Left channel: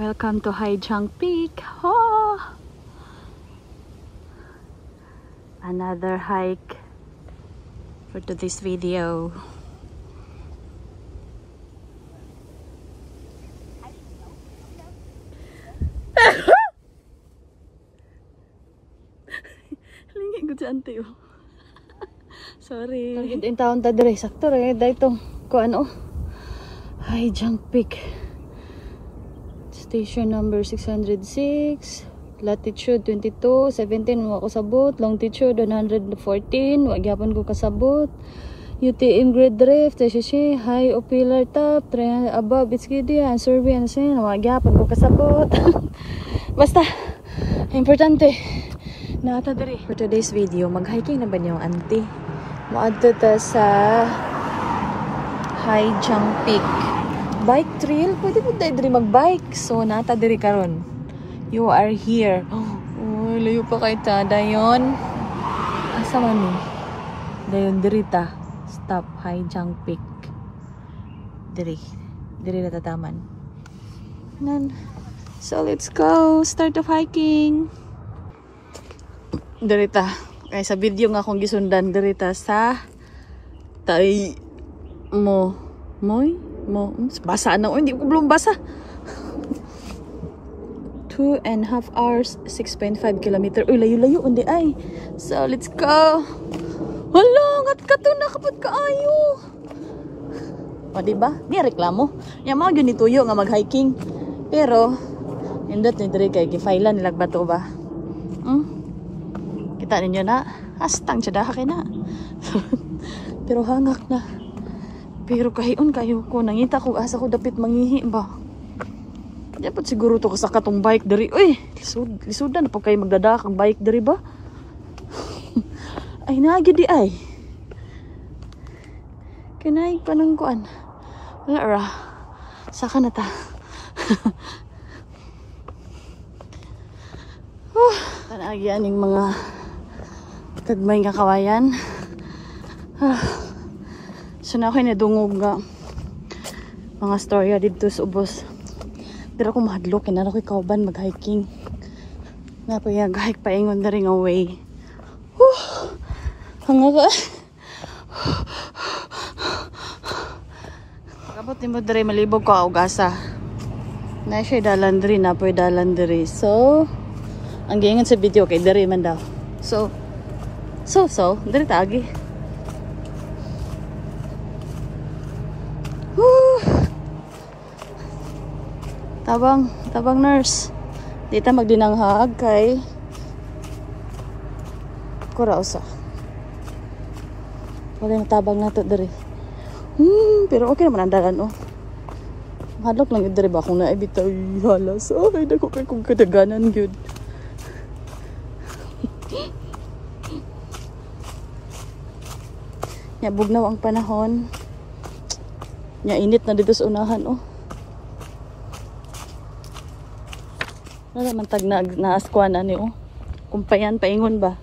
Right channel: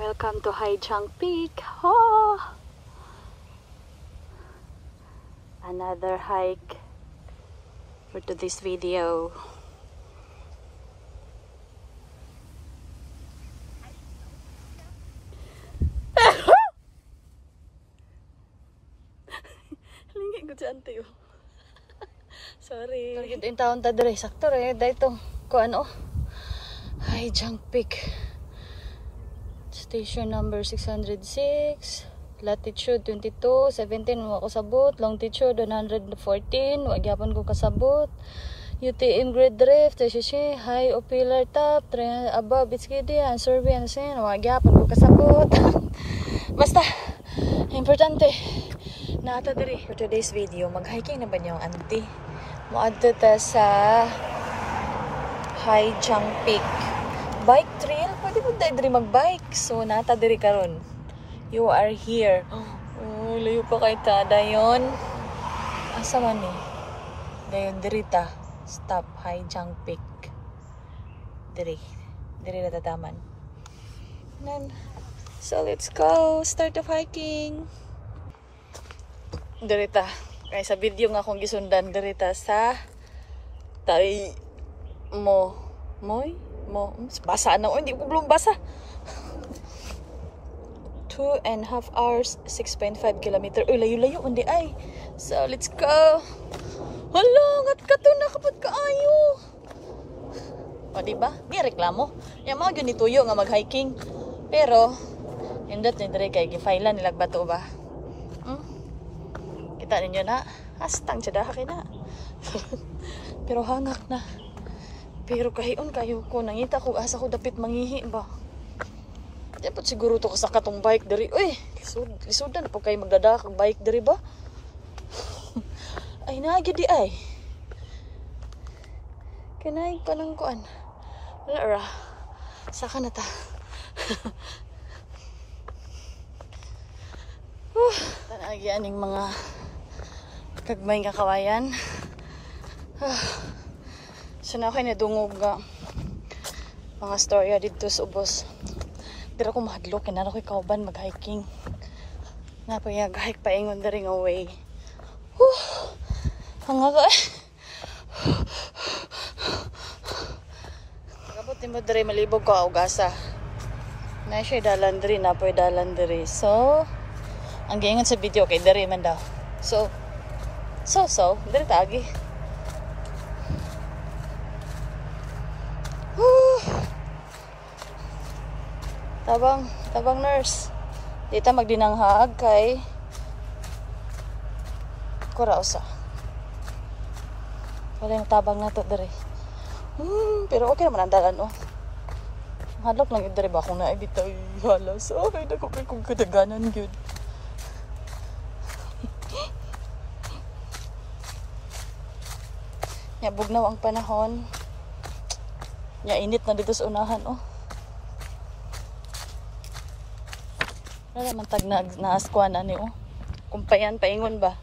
Welcome to Hai Giang Peak. Oh! Another hike for this video. Lingi ko dyan tayo. Sorry. Target in taon ta dire sakto re dayto ko ano Hai Giang Peak. Station number 606, latitude 22, 17 wa ko sabot, longitude 114, wa gyapon ko kasabot. UTM grade drift, TCC, high o pillar top, above it's giddy, and survey and sin, wa gyapon ko kasabot. Basta importante nata diri. For today's video, mag-hiking na ba niyo auntie? Moadto ta sa Hai Giang Peak. Bike trail, pwede mo tayo diri mag-bike. So nata diri karon. You are here. Oh, layo pa kay ta dayon. Asa man ni? Dayon diri ta. Stop Hai Giang Peak. Diri na tataman. Nan. So let's go. Start of hiking. Diri ta. Kay sa video nga akong gisundan diri ta sa tay mo basa na. Hindi ko belum basa. 2.5 hours 6.5 kilometer. Uy, layo-layo undi ay. So let's go. Hala, ngat kato na kapag kaayo. O diba? Di reklamo. Yung mga ganituyo nga mag-hiking. Pero indot ni diri kay gifailan nilag bato ba? Kita ninyo na. Hastang tsadaha kay na. Pero hangak na. Pero kahiyon kayo ko, nangita ko asa ko dapit mangihi ba. Dapat siguro to sa katong bike dari. Uy, lisudan na po kayo magdadak ang bike dari ba? Ay nagi di ay. Kinay pa ng kuan. Wala ra. Saka na ta. Tanagi aning mga kagmay nga kawayan. So na ako nadungog nga mga storya dito sa ubos. Pero ako mahadlok, na ako kauban mag-hiking. Napayag-hike paingon na rin ang way. Hanga ka. Pagkabot ni mo diri malibog ko augasa. Na siya dalandri, napoy dalandri. So, ang giingon sa video kay diri man daw. So, diri tagi. Tabang nurse. Dito magdinanghag kay Kurausa. Wala yung tabang nato diri. Pero okay naman ang dalan oh. Hadlok lang yun diri ba kung naibitaw halas. Ay, dako kay kong kadaganan yun. Ya, bugnaw ang panahon. Ya, init na dito sa unahan oh. Wala man tag naaskuan ani oh. Kumpayan paingon ba.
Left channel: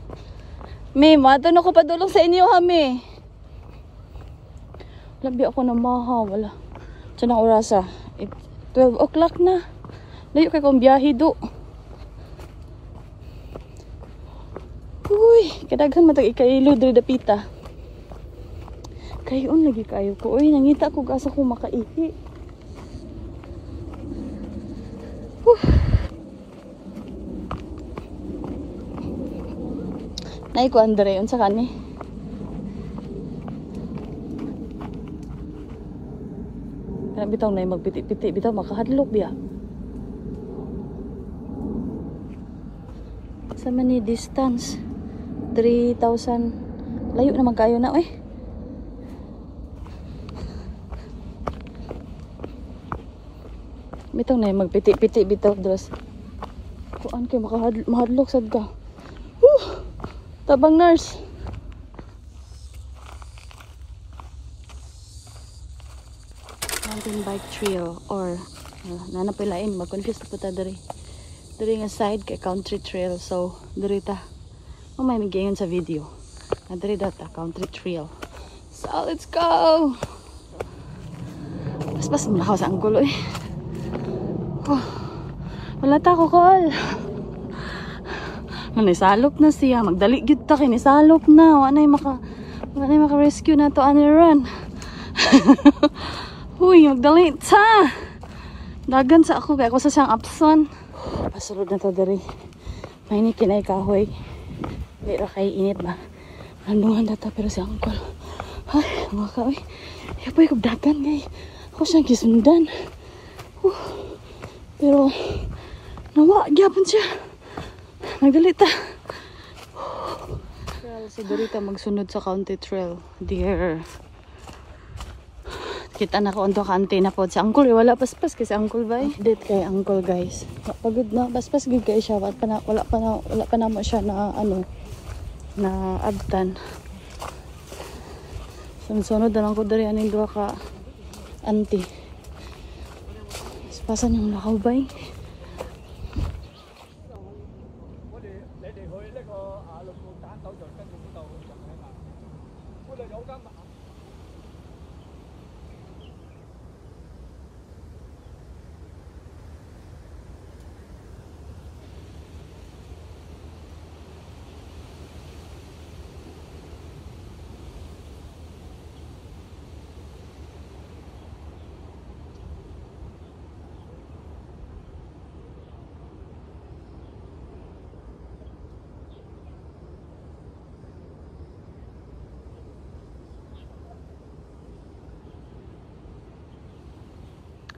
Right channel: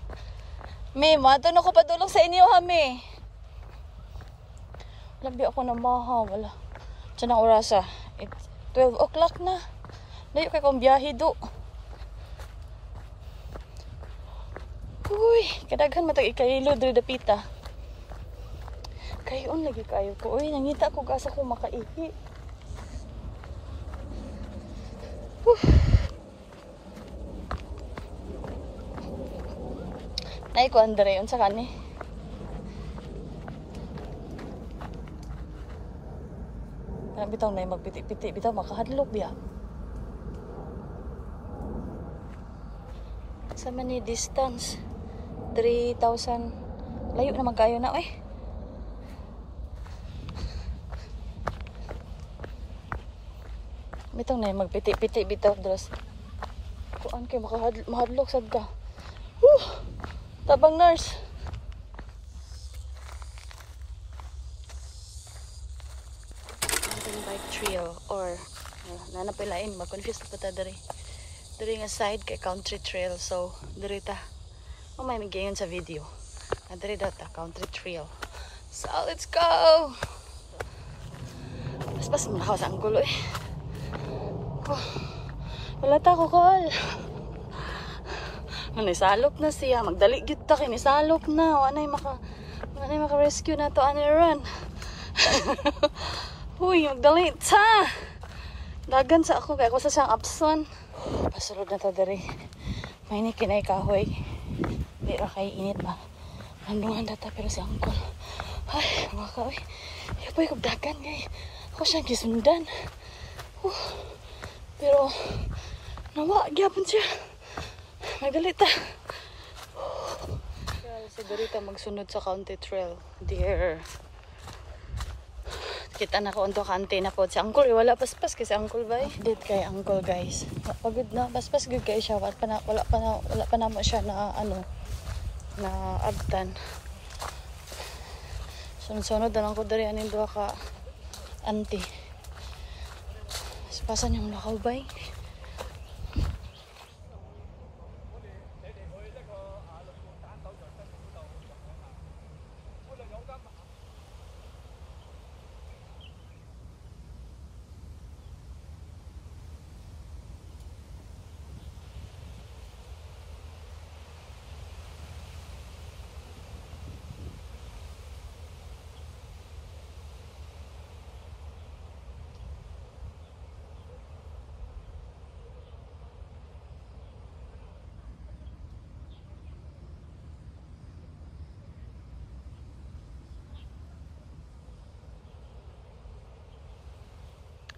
Me, mato na ko padulong sa inyo ha me. Labi ako na maha, wala. Sa nang orasa, 12 o'clock na. Layo kay kong biyahe do. Uy, kadaghan matag ikailo diri dapita. Kayon lagi kayo ko. Uy, nangita ko asa ko makaihi. Nay ko andre unsa kani? Kana bitaw nay magpiti-piti bitaw makahadlok biya. Sa man ni distance 3,000 layo na magkayo na eh. Bitaw nay magpiti-piti bitaw dras. Kuan kay mahadlok sad ka. Tabang nurse. Mountain bike trail or nanapilain mag-confuse na po ta diri. Diri nga side kay country trail so diri ta. May migayon sa video. Na diri data country trail. So let's go. Mas mo na sa anggulo eh. Wala ta ko call. Manisalop na siya. Magdali gyud ta kay nisalop na. Wanay maka-rescue na to ani run. Uy, magdali ta. Dagan sa ako kay ako sa siyang apson. Pasulod na to diri. May ni kinay kahoy. Di ra kay init ba. Nandungan data pero si uncle. Ay, mga kaoy. Yapoy kog dagan kay ako siyang gisundan. Pero nawa gyapon siya. Nagdalita. Si Dorita magsunod sa county trail. Dear. Kita na ko onto ka antena po. Si uncle wala paspas kasi uncle ba eh. Update kay uncle guys. Pagod na paspas good kay siya. Wala pa na mo siya na ano na abtan. Sunod na lang ko dari anin doa ka auntie. Pasan yung lakaw ba eh.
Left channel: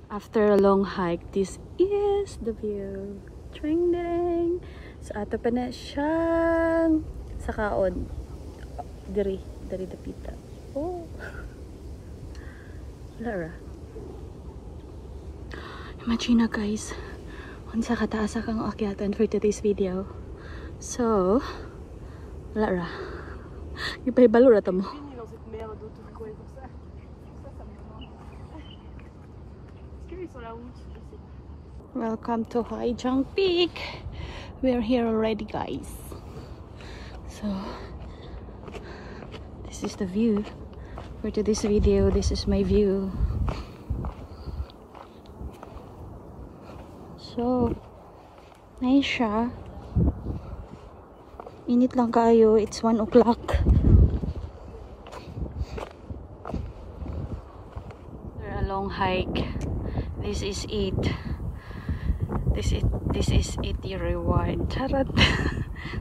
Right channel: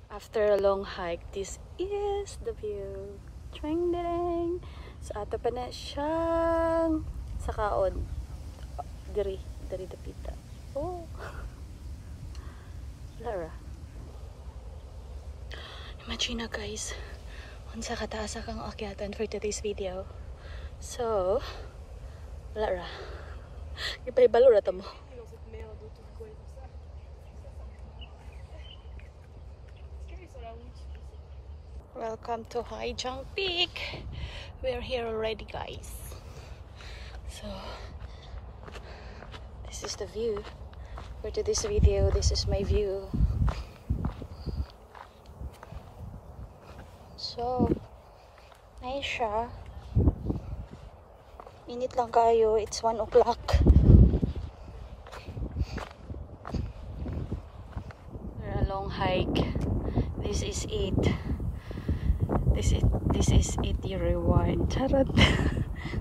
After a long hike, this is the view. Tring ding. So ato pa na siyang sakaon. Dari dapita. Oh. Lara. Imagine na guys. Unsa kataas akong akyatan for today's video. So, Lara. Ipahibalo ra ta mo. Welcome to Hai Jang Peak. We're here already guys. So this is the view for today's video. This is my view. So nice siya. Init lang kayo. It's 1 o'clock. We're a long hike. This is it. This is it your reward. Charot.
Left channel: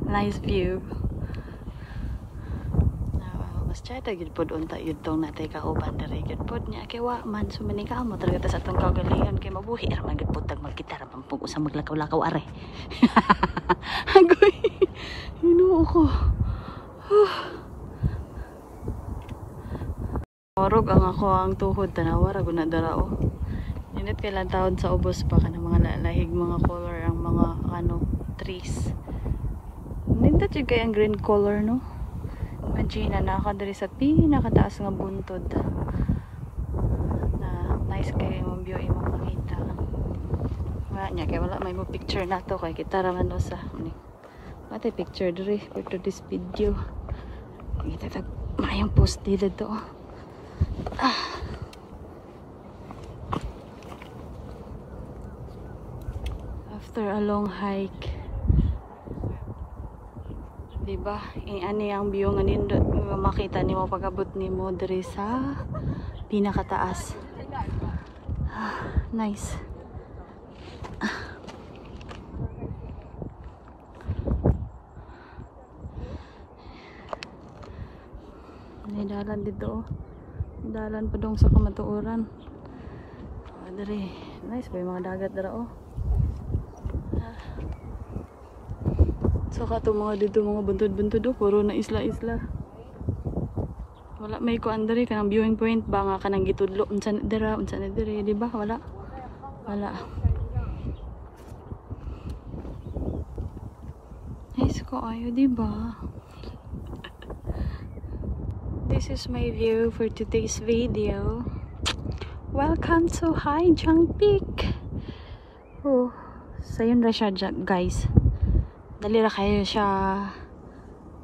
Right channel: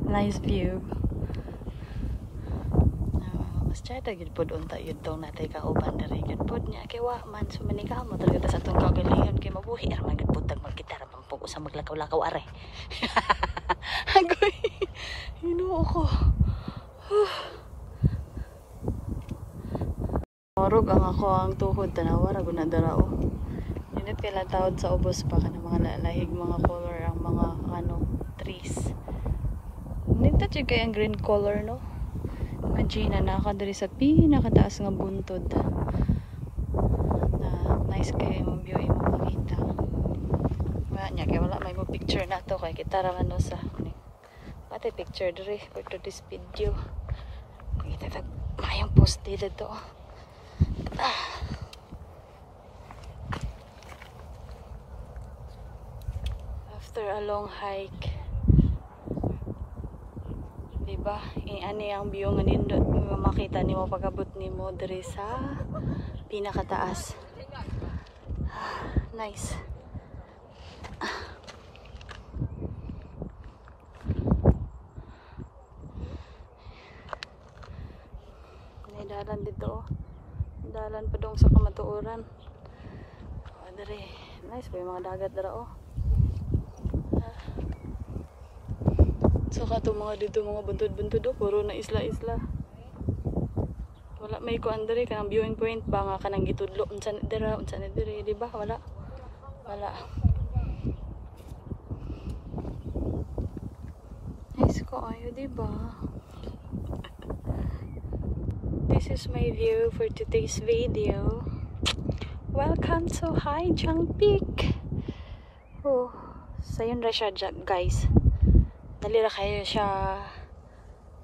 Nice view. Mas chayta gid pod unta yun tong natay kauban diri gid pod nya kay wa man sumini ka mo talaga sa tong kagalingan kay mabuhi ra man gid putang magkita ra pang sa maglakaw-lakaw are. Agoy. Hinuo ko. Marog ang ako ang tuhod tanaw ra guna dara. Init kailan taon sa ubos pa ka ng mga lalahig mga color ang mga ano trees. Hindi ta kay ang green color no. Imagine na naka diri sa pinakataas nga buntod. Nice kay yung view yung makita. Nya kay wala may mo picture nato kay kita ra man sa ate picture diri for this video. Kita mayang post dito to. After a long hike, diba? Ani ang view nga nindot makita nimo pag-abot nimo diri sa pinakataas. Nice. Dalan dito. Dalan pa dong sa kamatuoran. Diri. Nice ba yung mga dagat dira oh. So kato mga dito mga buntod-buntod oh, puro na isla-isla. Wala may kuan diri kanang viewing point ba nga kanang gitudlo unsa na diri, di ba? Wala. Nice ko ayo, di ba? This is my view for today's video. Welcome to Hai Jang Peak. Oh, so yun ra siya guys. Dali ra kayo siya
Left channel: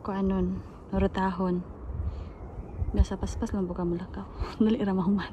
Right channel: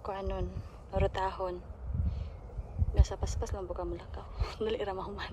kuanon, nurutahon. Nasa paspas lang buka malakaw. Dali ra mahuman.